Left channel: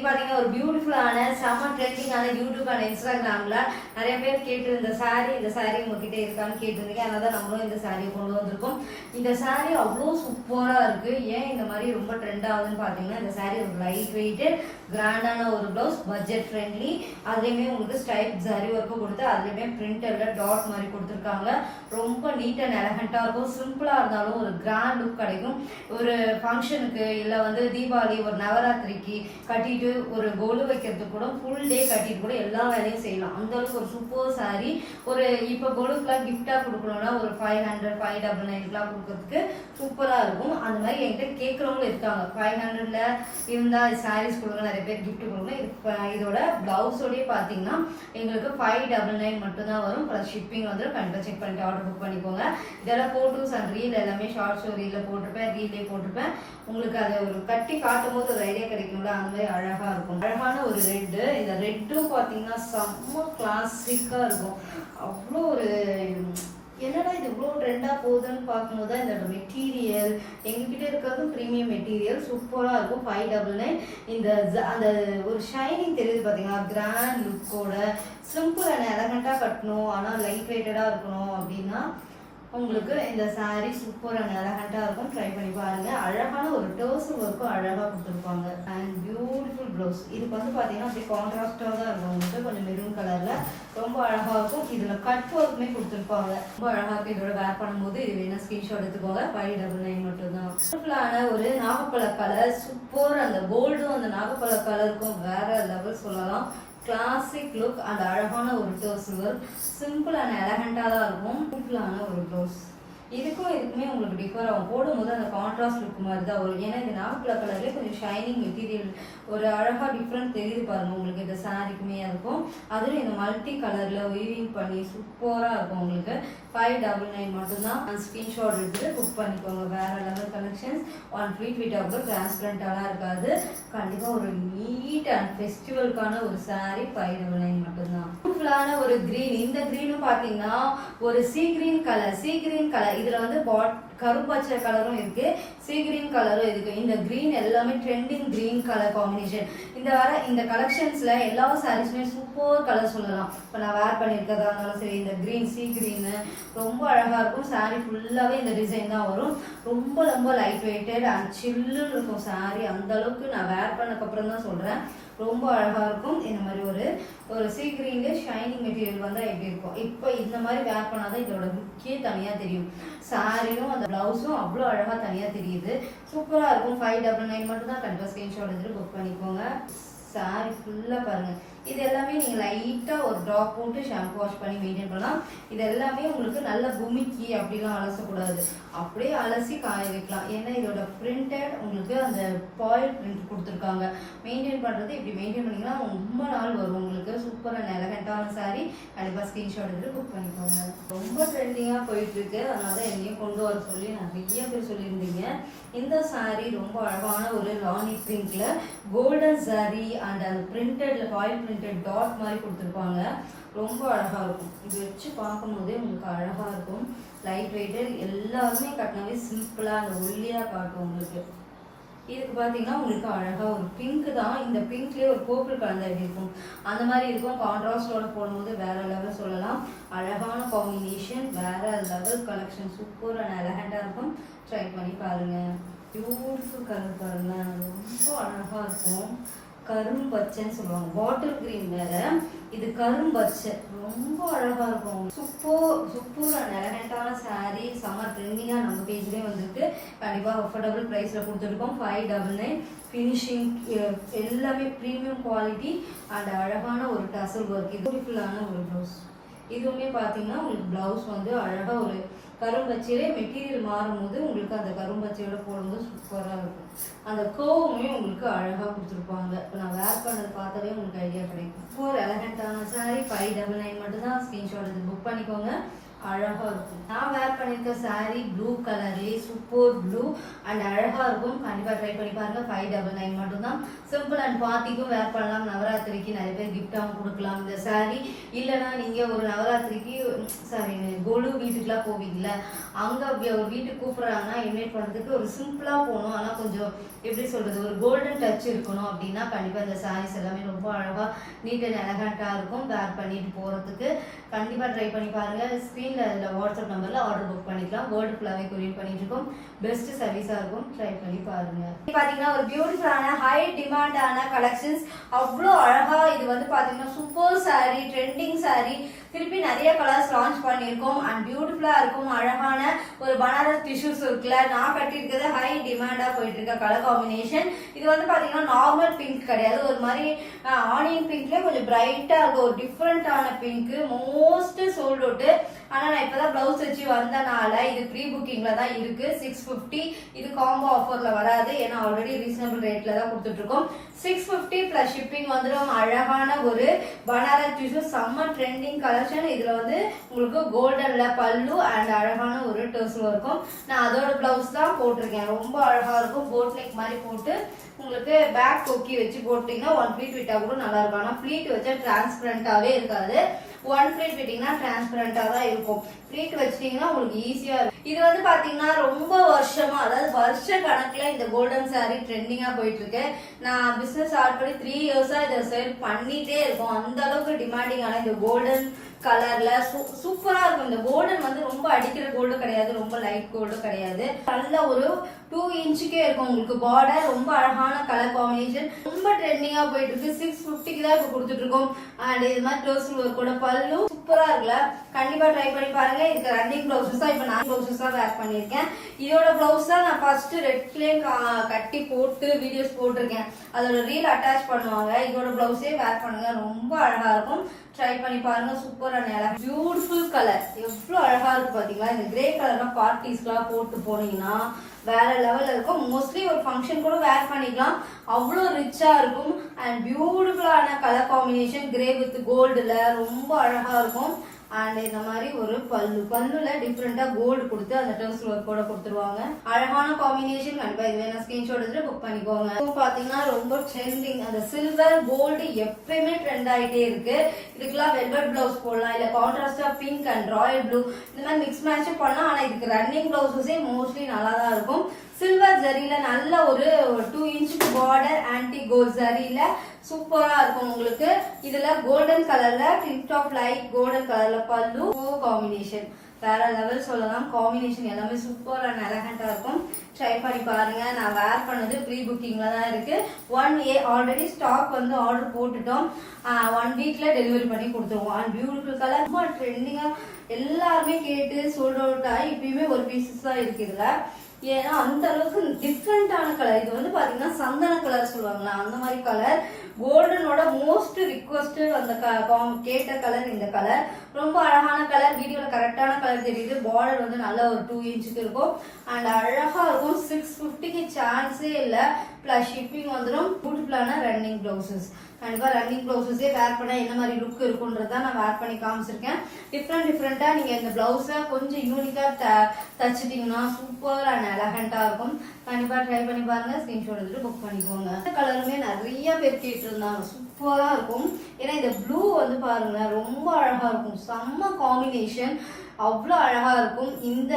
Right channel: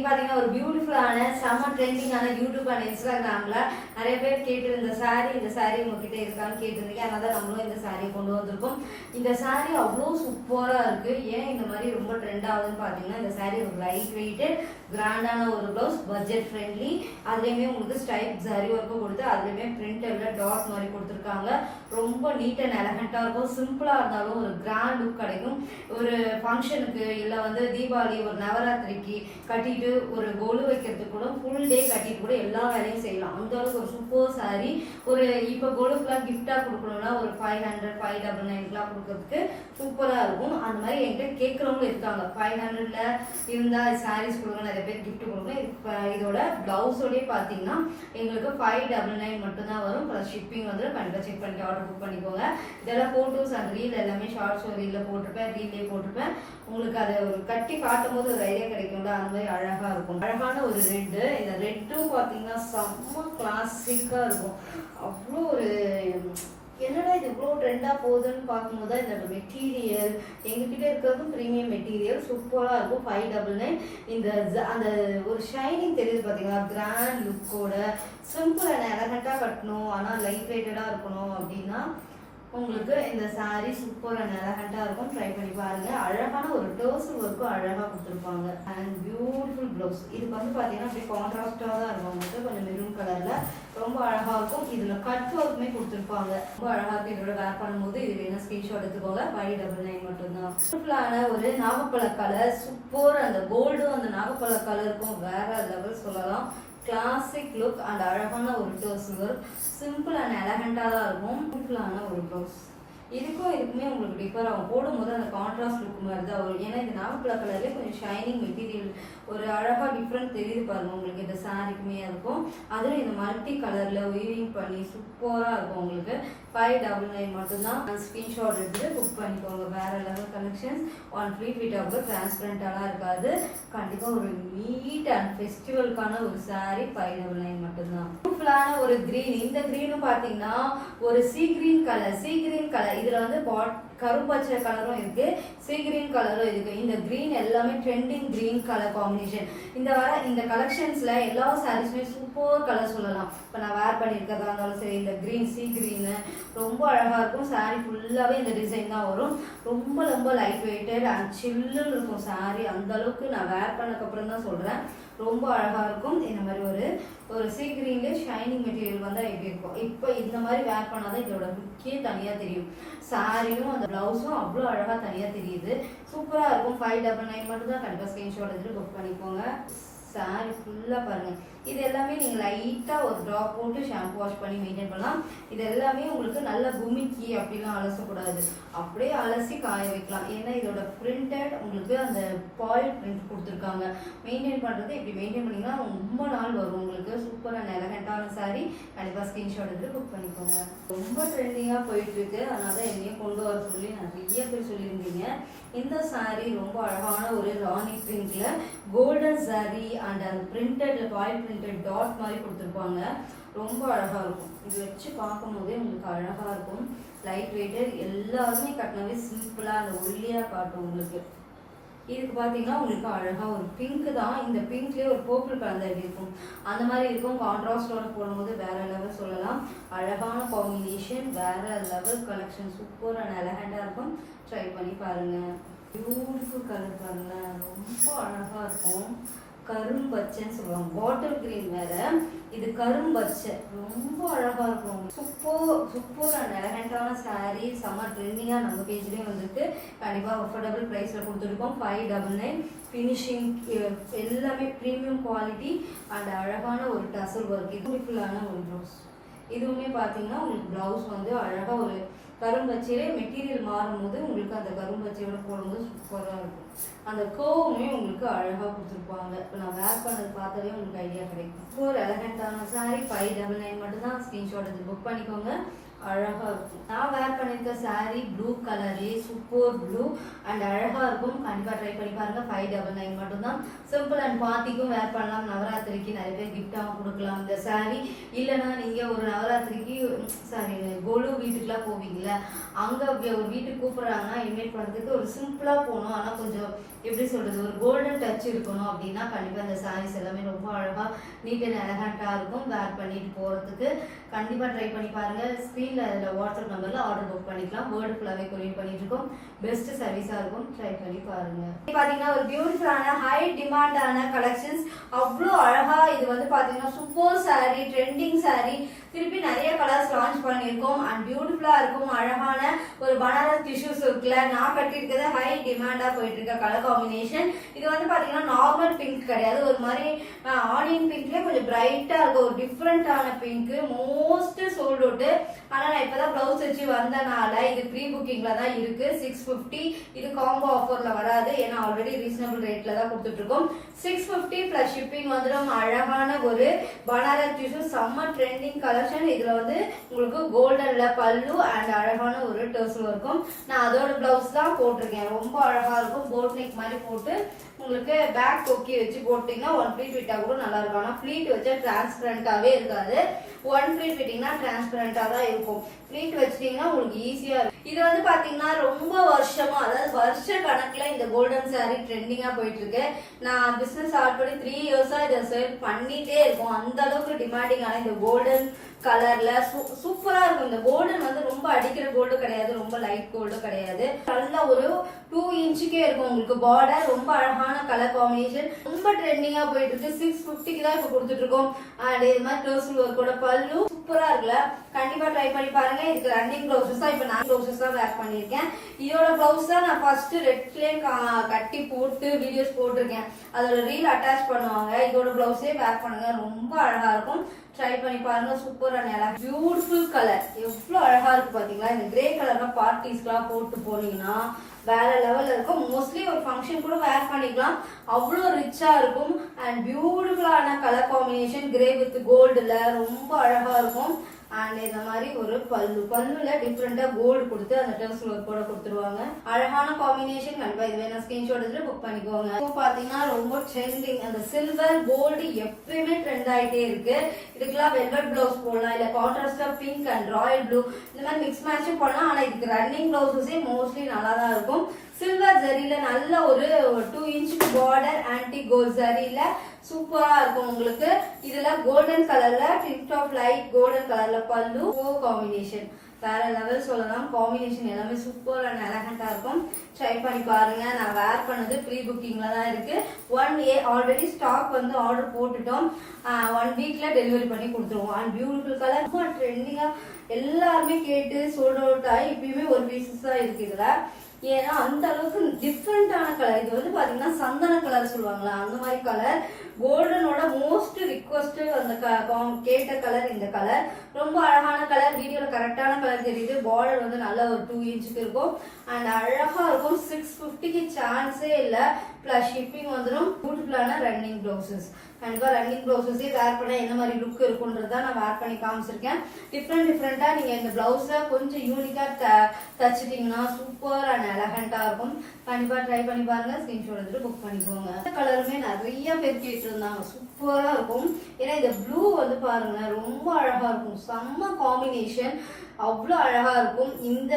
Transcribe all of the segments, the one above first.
இன்னைக்கு பார்த்தீங்கன்னா ஒரு பியூட்டிஃபுல்லான செம்ம ட்ரெண்டிங்கான யூடியூப் அண்ட் இன்ஸ்டாகிராமில் நிறைய பேர் கேட்டு இந்த சாரீ உங்ககிட்ட இருக்கான்னு கேட்டிருந்தீங்க. அதனால தான் நம்மளும் இந்த சாரியை கொண்டு வந்திருக்கோம். இந்த சாரீ அவ்வளோ சூப்பராக இருக்குது. ஏன் இந்த மாதிரி ரொம்ப ட்ரெண்ட் ஆகுதுன்னு பார்த்தீங்கன்னா இந்த சாரீ ஒரு லைட் வெயிட்டு கிராண்டான ஒரு ப்ளவுஸ், பட்ஜெட் ஃப்ரெண்ட்லி, அதுலேயுமே உங்களுக்கு ஸ்ட்ரைப் ஜரி ஒர்க்கும் கொடுத்து அதுலேயுமே பிரிண்டடில் டாட் மாதிரி கொடுத்துருக்காங்க. ரொம்ப நீட் அண்ட் எலகண்ட்டாக இருக்கும். சிம்பிளாக இருந்தாலும் ஒரு கிராண்ட் லுக் கிடைக்கும். ஒரு ஃபங்க்ஷனுக்கு இல்லை வந்து தீபாவளி, ஒரு நவராத்திரிக்கு கட்டிட்டு ஒரு கோலு வைக்கிறதுக்கு கூட ஃபுல் டே கட்டிட்டு கூட எல்லா வேலையும் செய்யலாம். அந்த அளவுக்கு ஒரு சூப்பர் சாரி. ஒரு இப்போ கோலுக்குலாம் கிஃப்டாக கொடுக்கணும்னா ஒரு 500, 599 கொடுக்கறதுக்கு சூப்பராக இருக்கும். அந்த மாதிரி என்கிட்ட கேட்குறவங்களும் இருக்காங்க. 500ல் இருந்தால் சாரீஸ் கொடுங்க, நிறைய பேர் கிஃப்ட் கொடுங்க. இதோட ப்ளவுஸோடய பார்த்தீங்கன்னா எங்களுக்கு 599 மட்டும்தான் வரும். ப்ளஸ் ஷிப்பிங் வந்து கண்டிப்பாக செக் பண்ணிட்டு ஆர்டர் புக் பண்ணிக்கோங்க. இதெல்லாம் ஃபோட்டோஸ் அண்ட் ரீல் எல்லாமே ஷார்ட் ஸ்டோரியில் போட்டிருப்பேன், ரீல்லே போட்டிருப்பேன். உங்களுக்கு அதை ஒரு கட்டி காட்டும் போது ஒரு ஐடியா கிடைக்கும்ல, அந்த மாதிரி அழகாக இருக்கும். அழகான ஒரு ரெட்டு. இந்த ரெட்டும் பார்த்தீங்கன்னா செம்ம கிளாசிக்காக இருக்கும். அவ்வளோ ஒரு என்னடா இது இவ்வளோ ட்ரெண்டாக போகுதுன்னு பார்க்கும்போது தான் இந்த மெட்டீரியல் எங்ககிட்ட இருக்கிறதும் ப்ரீமியம் மெட்டீரியல் சூப்பராக இருக்கும். 599. இந்த அந்த ஒரு ஷைனிங் தெரியுது பார்த்தீங்களா, கிராண்ட் லுக்கோட. சிம்பிள் அண்ட் எலகண்ட்டாக கட்டணும் ஆனால் லைட் வெயிட்டடாக இருக்கணும் அப்படின்னா உங்களுக்கு இந்த சாரீ சூப்பர் அண்ட் எலகண்ட்டாக இருக்கும். ட்ரை பண்ணி பாருங்கள். அழகான ஒரு டர்சல் ஒர்க்கும் அழகாக கொடுத்துருப்பாங்க. And beautiful blouse. இதுக்கு வந்து பார்த்தீங்கன்னா அப்படியே கான்ட்ராஸ்டாக தான் இருக்கும். உங்களுக்கு கொஞ்சம் மெரூன் கலரில் ரொம்ப அழகாக இருக்கும். இதில் கட் ஒர்க்குமே கொடுத்துருப்பாங்க. ரொம்ப அழகாக இருக்கும். இதோட வேர் பண்ணும்போது இது வேணால் ஸ்க்ரீன்ஷாட் எடுத்துக்கோங்க. 599 மட்டும்தான். சிம்பிளான ஒரு நாகப்பழ கலர் சூப்பர். அந்த கோல்டும் அந்த நாகப்பழ கலருக்கும் வேற லெவல் சொல்லலாம். கிளாசிக் லுக் அண்ட் அழகான ஒரு டர்சல் ஒர்க். சிம்பிள் அண்ட் எலகண்ட்டாக தான் இருக்கும். சிம்பிளான ஒரு ப்ளவுஸ். இதுக்குமே உங்களுக்கு டிஃபர் ஆகும். போடும்போது அந்த கான்ட்ராஸ்ட் லுக் மாதிரி தான் வரும். ஏன்னா இந்த நாகப்பழ கலர்லேயே கொஞ்சம் ஷைனிங் மெட்டீரியல் ஒரு அழகாக டிஃப்ரெண்ட் தெரியுது பாருங்க உங்களுக்கு. இந்த சாரிக்குமே இருக்கும். அதுவும் இந்த மல்டி கலரில் வீவிங் பண்ணி சூப்பராக இருக்கும். உங்களுக்கு 599 மட்டும்தான். ஸ்க்ரீன்ஷாட் எடுத்துட்டு புக் பண்ணிக்கோங்க. வேற லெவல் கலெக்ஷன்ஸ். ஒன் ஃப்ளீட் ஆகும். டிரான்ஸ்பரண்டாக இருக்காது. கண்டிப்பாக ஒரு நீட் அண்ட் ஃபெஸ்டிவலுக்கான ஒரு சாரி 599 மட்டும்தான். பியூட்டிஃபுல்லான ஒரு கிரீன். இந்த கிரீனும் பார்த்தீங்கன்னா ஒரு சீ கிரீன் கலர். இதுல வந்து கரும்பச்சை கலரும் இருக்கு, சீ கிரீன் கலரும் இருக்கு. இந்த கிரீன் எல்லாமே ட்ரெண்டிங் கிரீன் கலர் காம்பினேஷன். இந்த கலெக்ஷன்ஸ்ல எல்லா சாரீஸுமே சூப்பர் கலர் சொல்லலாம். இப்போ நான் வேர் பண்ணியிருக்கிறதா இருந்தாலும் சரி, இந்த கிரீன் சீ கிரீனு ரொம்ப அழகா இருக்கும். சாரீ ஃபுல்லாவே இந்த டிசைன் தான் வரும். ரொம்ப லைட் வெயிட்டட் அண்ட் சில்லுன்னு இருக்கும் சாரீ. அந்த அளவுக்கு நான் வேர் பண்ணக்கப்புறம் தான் சொல்றேன். ரொம்ப அழகா இருக்கும். இந்த மாதிரி ஒரு சீ கிரீன்ல ஷைனிங் மெட்டீரியல் வந்தா எப்படி இருக்கும். இப்போ இந்த மாதிரி வேர் பண்ணாதான் இதோட லுக்கே தனியா தெரியும். சாரியும் அந்த பிளவுஸும் அவ்வளோ அழகா தனியா தெரியுது. சூப்பரா இருக்கும். 599 மட்டும் தான். கண்டிப்பா ஸ்கிரீன்ஷாட் எடுத்து புக் பண்ணிக்கோங்க. சாரி ஃபுல்லாக பாருங்கள். இது எல்லாமே நீங்கள் லைட்டாக ஒரு ட்ராப் போட்டு ஷாம்பு வாஷ் பண்ணி மெயின்டைன் பண்ணலாம். இது எல்லாமே உங்களுக்கு நல்ல குமிக்கி அப்படிலாம் அலசக்கூடாது. அப்படியே அலசி காய வைக்கலாம். ஏன்னா இதோட பிரிண்டட் உங்களுக்கு அந்த பாயில் பிரிண்ட் கொடுத்துருக்காங்க. மெயின்டைன் பண்ணுறது இப்படி மெயின்டைன் பண்ணிங்கன்னா ரொம்ப நாள் வரும் உங்களுக்கு. சூப்பரான எலகண்ட்டான சாரி. கண்டிப்பாக ஸ்க்ரீன்ஷாட் எடுத்து புக் பண்ணிக்கோங்க. ரொம்ப ட்ரெண்டிங்காக போயிட்டுருக்கு. அதனால தான் என்னையும் கொண்டு வர சொல்லி நிறைய பேர் சொல்லியிருந்தீங்க. இந்த சாரி ரொம்ப அழகான ஒரு ராணி பிரிண்ட்ல கோல்டன் சாரி அண்ட் அந்த பிரிண்டட்ல பாயில் பிரிண்டட் டாட் மாதிரி கொடுத்துருப்பாங்க. ரொம்ப அழகா இருக்கும். இது வச்சு பார்க்கும் போதே உங்களுக்கு அழகா இருக்கும். Light weighted. எல்லாருமே கட்டினாவே சிம்பிளா அந்த ஒல்லியா காட்டும் உங்களுக்கு. இதுக்கு பார்த்தீங்கன்னா உங்களுக்கு அழகா ஒரு பிங்க் தான். இந்த பிங்க்லேயே ஒரு பர்பிள் கலந்த இருக்கும். அந்த மாதிரி இருக்கும். கான்ட்ராஸ்டோட போடும்போது வேற லெவல் சொல்லலாம். அழகான காம்பினேஷன், வேற லெவல் கலெக்ஷன். சூப்பர் அண்ட் எலகண்டா இருக்கும். ட்ரை பண்ணி பாருங்க. பியூட்டிஃபுல் கலர் பாருங்க. ரொம்ப அழகா இருக்கும். கரும்பச்சைன்னு சொல்லுவாங்க. பாட்டில் கிரீன் வேற, இது கரும்பச்சை. ரொம்ப அழகா இருக்கும். சூப்பர் அண்ட் எலகண்டான சாரீ. சம்மர் ட்ரெண்டிங்கா நம்ம பேஜ்லேயே வந்துருக்கு. கண்டிப்பாக அஃபோர்டபுள் ப்ரைஸில் கொடுத்துருக்கோம். 599. ஃபினிஷிங் எல்லாமே ப்ரீமியம் குவாலிட்டி அண்ட் அழகான ஒரு டசல் ஒர்க். இது பியூட்டிஃபுல்லான ஒரு ப்ளவுஸ். இதுவுமே பார்த்தீங்கன்னா உங்களுக்கு ப்ளவுஸ் வந்து அழகாக ஒரு கரும்பச்சையிலே மெட்டீரியல் மாறும்போது உங்களுக்கு அந்த கரும்பச்சையோட போடும்போது சூப்பராக இருக்கும். அந்த கோவுமே உங்களுக்கு அழகாக கொடுத்துருப்பாங்க. இப்போ நான் வேர் பண்ணது பார்த்தாலே உங்களுக்கு ஐடியா கிடைக்கும். ஒரு எலகண்டான சாரி 599 மட்டும்தான். ஸ்க்ரீன்ஷாட் எடுத்து புக் பண்ணிக்கோங்க. அழகா இருக்கும். நான் வேர் பண்ணிருக்க சாரி ப்ளூ கலர்லயே சூப்பர் ப்ளூ அண்ட் அழகா இருக்கும். கண்டிப்பா ட்ரை பண்ணி பாருங்க. 599 மட்டும்தான். சிம்பிள் அண்ட் பார்ட்டிக்கும் வேர் பண்ணலாம். நவராத்திரிக்கு நிறைய பேர் கிஃப்டாகவும் கொடுக்கலாம் இந்த சாரி. இல்லைன்னா நீங்க ஒரு நவராத்திரிக்கு சாரி கொலு வீட்டுக்குலாம் போவீங்கல்ல, அங்க ஒரு வீட்டுக்கு கூப்பிடுறாங்கன்னா இன்வைட் பண்றதுக்கு ஒரு சிம்பிளா போகணும், ஆனா கொஞ்சம் எப்படி சொல்றது ஒரு கோல்டன் டச் இருக்கணும் அப்படின்னா கண்டிப்பா இந்த சாரீஸ் எல்லாமே ரொம்ப அழகா நீட் அண்ட் எலகண்டா இருக்கும். வேர் பண்ணிட்டு போறதுக்கு கண்டிப்பா ட்ரை பண்ணி பாருங்க. ஸ்கிரீன்ல வாட்ஸ்அப் நம்பர்ல ஆர்டர் புக் பண்ணிக்கலாம். வேர்ல்டு ஃபுல்லாவே கொரியர் பண்ணிட்டு இருக்கோம். பெஸ்ட் சர்வீஸா இருக்கும். ட்ரை பண்ணி பாருங்க. பாத்தீங்கன்னா ஒரு பியூட்டிஃபுல்லான ஹை டிமாண்டான கலெக்ஷன்ஸ், அவ்வளோ அழகா. இது வந்து பாத்தீங்கன்னா சூப்பர் சாரி, ட்ரெண்டிங் சாரி. திருப்பி நிறைய கலர்ஸ் லான்ச் பண்ணியிருக்கோம் அண்ட் பியூட்டிஃபுல்லா இருக்கும். அழகான ஒரு பனாரஸ் டிஷ்யூஸ் இருக்குல்ல, நான் கட்டிருக்கிறது ஹை டிமாண்டா போயிட்டு இருக்க கலர் காம்பினேஷன். இது வந்து பாத்தீங்கன்னா நார்மல் பிங்க் கிடையாது, ஒரு மாதிரி ஆனியன் பிங்க்ல கொஞ்சம் பிரைட்டா இருக்கும். ஒரு டிஃப்ரெண்டான பிங்க், மோஸ்ட் சோல்ட் அவுட். ஆனா நான் இப்பதான் பிளவுஸ் வச்சு வந்தனால இது ப்ரீ புக்கிங்ல தான் இருக்கு. 650. இது காம்போ ஆஃபர்ல வராது, ஏன்னா ஆல்ரெடி ரீசனபிள் ரேட்ல தான் கொடுத்துட்டு இருக்கோம். 650 பிளஸ் ஷிப்பிங் வந்துடும். அழகான ஒரு பனாரஸ் டிஷ்யூ, செம்ம ட்ரெண்டிங் கலெக்ஷன். இதுல வந்து உங்களுக்கு கோல்டன்ல பல்லு அண்ட் அழகான ஒரு டர்சல் இருக்கும். நான் அதோட பிளவுஸ் தான் போட்டிருக்கேன். ரொம்ப அழகா இருக்கும். போட் நெக் மாதிரி போட்டு உங்களுக்கு பேக் கொக்கி வச்சு போட்டீங்கன்னா ஒன் ப்ளீட் விட்டா கூட நல்லா இருக்கும். ஆனா ப்ளீட் வச்சா டிரான்ஸ்பரண்டாவே இருக்காது. ஒன் ப்ளீட் விட்டீங்கன்னா டிரான்ஸ்பரண்டா தான் இருக்கும். ப்ளீட் வச்சிட்டீங்கன்னா உங்களுக்கு ஈஸியா இருக்கும். இது வந்து பாத்தீங்கன்னா ரொம்ப வருஷமா, அதாவது வருஷ கணக்குல இந்த கோல்டன் சாரி ட்ரெண்டிங்கா போயிட்டு இருக்கு. நான் பிசினஸ் ஸ்டார்ட் பண்ணி 3 இயர்ஸா இதை சேல் பண்ணிட்டே இருக்கோம். அந்த அளவுக்கு டிமாண்டிங்கான இந்த கோல்டன் கலர்ல சூப்பரா இருக்கும். இந்த கோல்டன் வந்து ரொம்ப அடிக்கிற கோல்டு கிடையாது, ரொம்ப லைட் கோல்டு கிடையாது. நல்ல ஒரு 2 இன்ச்சுக்கே இருக்கும் உங்களுக்கு பார்டர். ரொம்ப அழகான கலர் காம்பினேஷன், ரொம்ப ட்ரெண்டிங்கா போயிட்டு இருக்கு. 650க்கு தான் இப்ப கொடுத்துட்டு இருக்கோம். அண்ட் இது மாதிரி டர்சல் ஒர்க்கோட பல்லு சூப்பரா இருக்குல்ல, கண்டிப்பா ட்ரை பண்ணி பாருங்க. இதுக்கு ரன்னிங் பிளவுசஸ் தான், இப்ப நான் பிளவுசஸ் தான் வேர் பண்ணிருக்கேன். இதோட பிளவுஸ் தான் நான் ஃபர்ஸ்ட் ரெட் ஃபிளேம் கட்டி போட்டு வீடியோஸ் போட்டிருக்கேன். அதோட ரீல் அட்டாச் பண்ணுவாங்க. இதோட பிளவுஸே வேர் பண்ணுங்க, ரொம்ப அழகா இருக்கும். ட்ரை பண்ணி பாருங்க. சூப்பரான அழகா பியூட்டிஃபுல் கலர், எவ்வளவு அழகா இருக்கு பாத்தீங்களா. இந்த கிரே கலர்லாம் பார்ட்டிஸ்க்குலாம் போட்டு போனீங்கன்னா வேற லெவல்ல இருக்கும். மோஸ்ட்லி ஒரு ஃபங்க்ஷன் கூட வேர் பண்ணிக்கலாம், அவ்வளோ ரிச்சா இருக்கும். அண்ட் பியூட்டிஃபுல்லான கலர் காம்பினேஷன், கிரே வித் கோல்டுல ரொம்ப அழகா இருக்கும். அண்ட் இந்த மாதிரி ஒரு பல்லுல டிஃப்ரெண்டா கோல்டு கொடுத்து அந்த டர்சல் ஒர்க் கூட கொடுத்துருவாங்க. அழகான காம்பினேஷன். கண்டிப்பா இது வேணா ஸ்கிரீன்ஷாட் எடுத்து புக் பண்ணிக்கோங்க. பாத்தீங்கன்னா ரொம்ப ட்ரெண்டிங், அந்த சில்வர் கோல்டு எப்பயுமே ட்ரெண்ட் ஆயிட்டே இருக்கு. இதுக்கெல்லாம் வெல்வெட் பிளவுஸ் போடலாம், இல்ல கான்ட்ராஸ்டா பிங்க் அண்ட் ராயல் ப்ளூ இந்த மாதிரி மிக்ஸ் மேட்சும் பண்ணலாம். ஆனா இதுக்கு ரன்னிங் பிளவுஸஸே மோஸ்ட்லி நல்லா தான் இருக்கும். சில்வர் ஜரியில நல்ல ஒரு 2 இன்ச் பார்டர், ஆன்டி கோல்ட் ஜரியில சூப்பரா இருக்கும் உங்களுக்கு. இதுல கோல்டன் கலர்ல டிப் டாப் லைட் கோல்டன் கலர்ல பல்லு காம்பினேஷன் வேற லெவல் சொல்லலாம். காம்பினேஷன் எல்லாமே சூப்பர் அண்ட் எலகண்டா இருக்கும். ட்ரை பண்ணி பாருங்க. நான் வேர் பண்ணது ப்ரீ புக்கிங்ல தான் இருக்கு. 1 ஆல்ரெடி ஸ்டாக் வந்து ஆர்டர் போட்டுட்டோம். 1 வீக்ல டெலிவரி பண்ணி கொடுத்துருவோம். அண்ட் பியூட்டிஃபுல் கலர், ரொம்ப ட்ரெண்டிங்கா எல்லாருமே கேட்டு சோல்ட் அவுட் ஆகி இப்பயுமே ஒரு பீசஸ் தான் இருக்கு இதுல. ஏன்னா அந்த அளவுக்கு டிஃப்ரெண்டான கலர். இது வந்து பாத்தீங்கன்னா சந்தன கலர் சொல்லுவாங்களா, அந்த மாதிரி கலர். கோல்டனோட மோஸ்ட் ரிக்வஸ்ட் அந்த கேட்ட கலர் இந்த கலர். ரொம்ப அழகான கலர். வீடியோல கரெக்டான கலர் தெரியுது. பார்டர் வந்து நல்ல ஒரு 2 இன்ச்சுக்கு இருக்கும். அண்ட் அழகா இருக்கும். 650க்கு சான்ஸே இல்ல. பிளஸ் ஷிப்பிங் வந்துடும். பியூட்டிஃபுல்லான ரன்னிங் பிளவுசஸ். கண்டிப்பா ரன்னிங் பிளவுசஸே வேர் பண்ணா என்ன மாதிரி லுக் இருக்கும்ன்றத நான் வேர் பண்ணி காமிச்சிருக்கேன். டிஃப்ரெண்டா நீங்க இந்த பிளவுஸ கொஞ்சம் யூனிக்கா தச்சுட்டீங்கன்னா சூப்பர் அண்ட் எலகண்டா இருக்கும். கண்டிப்பா ட்ரை பண்ணி பாருங்க. ஸ்கிரீன்ஷாட் எடுத்துட்டு புக் பண்ணிக்கோங்க. இந்த கலருமே நிறைய பேர் கேட்டு இருந்தாங்க. சூப்பரா இருக்கும். ஏன்னா இந்த ப்ளூ வந்து பாருங்க ரொம்ப அழகா இருக்கும். செம்ம காம்பினேஷன், அவ்வளோ அழகா இருக்கும். இந்த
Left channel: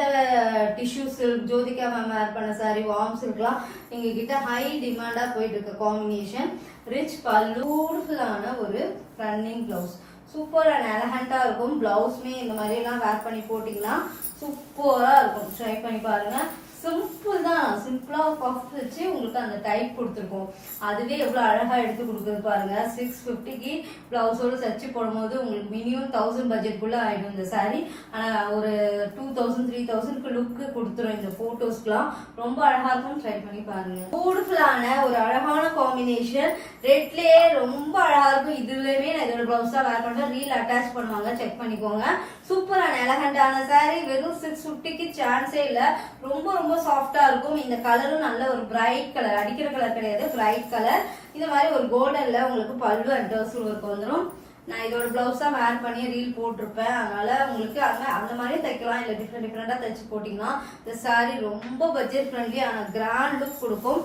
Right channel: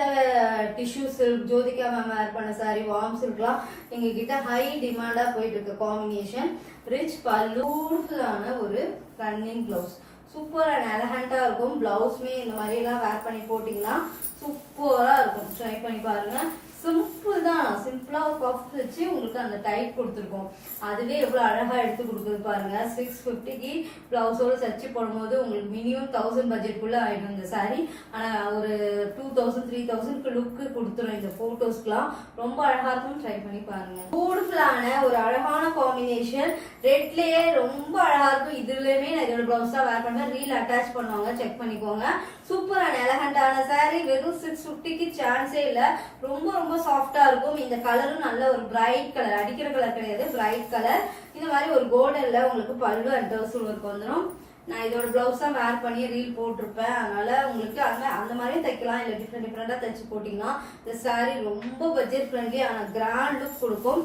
டிஷ்யூ சில்க் ஜோதிகா மேம் வேர் பண்ண சாரி வார்ம் சில்க்லாம் எங்க கிட்ட ஹை டிமாண்டா போயிட்டு இருக்க காம்பினேஷன். ரிச் பல்லு, பியூட்டிஃபுல்லான ஒரு ரன்னிங் பிளவுஸ், சூப்பர் அண்ட் எலகண்டா இருக்கும். பிளவுஸ்மே இந்த மாதிரி எல்லாம் வேர் பண்ணி போட்டீங்கன்னா சூப்பரா இருக்கும். ட்ரை பண்ணி பாருங்க. சிம்பிள் தான், சிம்பிளா பஃப் வச்சு உங்களுக்கு அந்த டைப் கொடுத்துருக்கோம். அதுவே எவ்வளவு அழகா எடுத்து கொடுக்குறது பாருங்க. 650க்கு பிளவுஸோட சர்ச்சு போடும்போது உங்களுக்கு மினிமம் 1000 பட்ஜெட்குள்ள ஆயிடும் இந்த சாரி. ஆனா ஒரு 2000 3000க்கு லுக்கு கொடுத்துரும் இந்த போட்டோஸ்க்குலாம். ரொம்ப அழகா இருக்கும். ட்ரை பண்ணி பாருங்க. பியூட்டிஃபுல்லான ஒரு அழகான காம்பினேஷன். ரெட்லயே ரொம்ப அழகா இருக்கும். இதுலயுமே நான் இதோட பிளவுஸ் தான் வேர் பண்ணேன். ரீல் அட்டாச் பண்ணுவாங்க, செக் பண்ணிக்கோங்க. சூப்பர் அண்ட் எலகண்டான சாரி. வெறும் 650க்கு சான்ஸே இல்ல. ரொம்ப ரொம்ப சாஃப்டா இருக்கும். இந்த கலரும் நல்ல ஒரு பிரைட் கலர், அடிக்கிற கலர் கிடையாது, பிரைட் கலர். இந்த மாதிரி ஒரு கோல்டன்ல உங்களுக்கு பல்லு அண்ட் டர்சல் ஒர்க் வந்துடும். நான் இதோட பிளவுஸ் தான் வேர் பண்ணி ரீல் போட்டிருப்பேன். அதனால உங்களுக்கு அந்த மாதிரி தைக்கலாம், இல்லை டிஃப்ரெண்டாக தைச்சு போட்டிங்கன்னா இந்த சாரீ ரொம்ப பட்ஜெட் ஃப்ரெண்ட்லி ஆனால் கிராண்ட் லுக் கொடுக்கும்.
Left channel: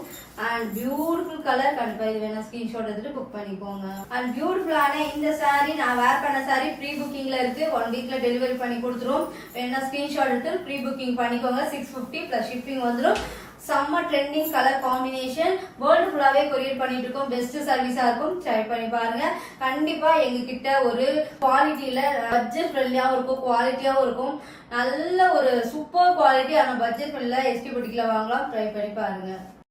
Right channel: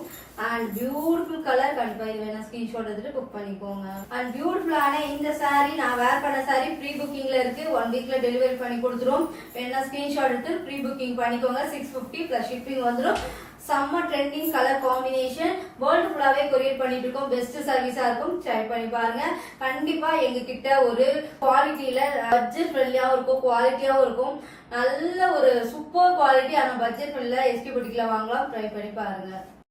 And beautiful colour. கண்டிப்பாக இது வேணா ஸ்கிரீன்ஷாட் எடுத்துட்டு புக் பண்ணிக்கோங்க. அண்ட் பியூட்டிஃபுல்லான இந்த சாரீ நான் வேர் பண்ண சாரீ ப்ரீ புக்கிங்ல இருக்கு. 1 வீக்ல டெலிவரி பண்ணி கொடுத்துரும். வேணா ஸ்கிரீன்ஷாட் எடுத்து ப்ரீ புக்கிங் பண்ணிக்கோங்க. 650 பிளஸ் ஷிப்பிங் வந்துடும். செம்ம ட்ரெண்டிங் கலர் காம்பினேஷன். வேர்ல்டு ஃபுல்லாவே கொரியர் பண்ணிட்டு இருக்கோம். பெஸ்ட் சர்வீஸா இருக்கும். ட்ரை பண்ணி பாருங்க. கண்டிப்பா எங்க கிட்ட ஒரு குவாலிட்டியில பட்ஜெட் ஃப்ரெண்ட்லியாவும் இருக்கும், குவாலிட்டியாவும் இருக்கும். நல்ல ஒரு சூப்பர் குவாலிட்டி ஆன பட்ஜெட் ஃப்ரெண்ட்லியா எஸ்டி புட்டிக்ல வாங்கலாம். ட்ரை பண்ணி பாருங்க.